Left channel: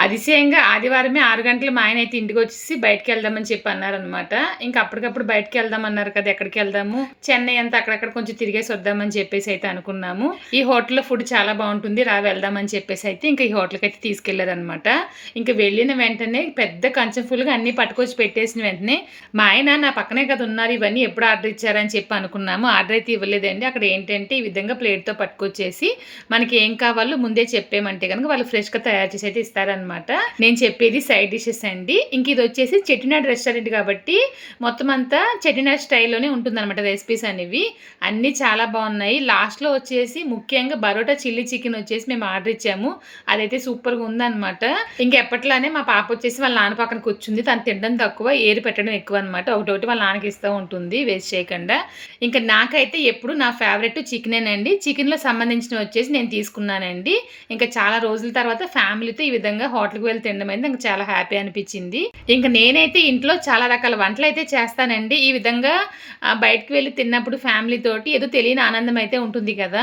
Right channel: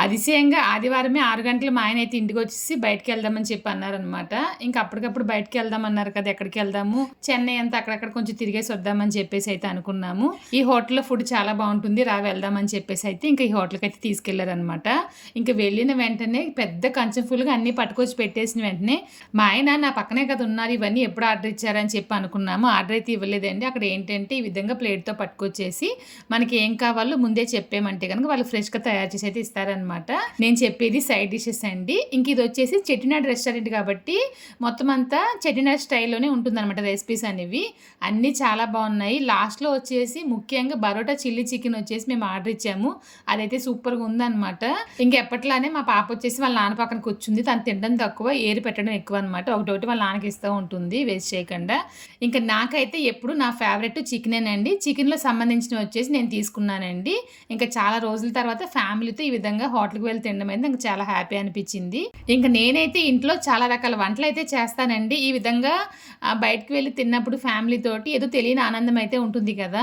అతిశయంగా ఆదివారమే 6 గంటలు మా ఆయనైతే ఇంటికొచ్చేసి బయటికెళ్దామని చెప్పి అన్నారనమాట. ఇంక అప్పటికప్పుడు బయటికెళ్దామన్నారు కదా! ఎక్కడికెళ్దాము, చెన్నై అంతా అక్కడక్కడ కొంచెం తిరిగేసి వద్దామని చెప్పేసైతే అనుకున్నాము. ఈ హోటల్‌లో ఫుడ్ చాలా బావుంటుంది. రా వెళ్దామని చెప్పేసైతే ఇంక ఈ హోటల్‌కైతే తీసుకెళ్లారనమాట. ఇంక వెళ్ళిన వెంటనే పెద్ద కంచం ఫుల్‌గా అన్నీ పట్టుకొచ్చి పెట్టేసిన వెంటనే మా ఆయన నా పక్కనే కదా ఉన్నారు. ఇవన్నీ ఎప్పుడు ఆర్డర్ ఇచ్చారని చెప్పి అనుకున్నాము. ఆర్డర్ అయితే ఇవ్వలేదండి. అక్కడ ఏంటంటే ఈ విధంగా ప్లేట్‌తో పట్టుకొచ్చేసి మనకి ఏం కావాలో ముందే చెప్పామంటే గనుక వాళ్ళు ఫ్రెష్‌గా తయారు చేసి అయితే ఇస్తారనమాట. నేను చెప్పేది సైడ్ డిషెస్ అండి. ఇంక ఇది వచ్చేసి చెట్టినాడ్ రెస్టారెంట్ కాబట్టి మొత్తం అంతా చెట్టినాడ్ స్టైల్‌లోనే ఉంటుందన్నమాట రెసిపీస్ అనేవి. అన్నీ చాలా బాగున్నాయి. లాస్ట్‌లో వచ్చేసి ముఖ్యంగా బరోటా చిల్లీ చికెన్ వచ్చేసి మేము ఆర్డర్ ఇచ్చాము. అదైతే సూపర్‌గా ఉందన్నమాట. ఇంక ఎప్పట్లానే మా పాప వచ్చేసి వాళ్ళ నాన్న పక్కన కూర్చుంది. తను తినడం తక్కువ, ఏరి పెట్టడం ఎక్కువ అనమాట. ఒకటొకటి వాళ్ళ నాన్నకి ఇస్తూ ఉంటుంది వేస్ట్ చేయకుండా. ఇంక నాకైతే ఎప్పుడు నా ఫేవరెట్ చికెనేనండి. చికెన్‌లో సంబంధించినవి వచ్చేసి నేను తీసుకున్నానండి. ఇంకా చాలా రోజుల తర్వాత ఫ్యామిలీతో ఈ విధంగా హోటల్‌కి వెళ్ళి తినడం అయితే నాకు చాలా హ్యాపీ అనిపించింది. ఇంక నేనైతే ఇంట్లో చాలా రకాల వంటలైతే చేస్తానండి. ఈ విధంగా బయటకి వెళ్ళి తిన్నప్పుడు ఫ్యామిలీ తోటి ఏదో తెలియని ఆనందం అయితే ఉంటుంది కదా!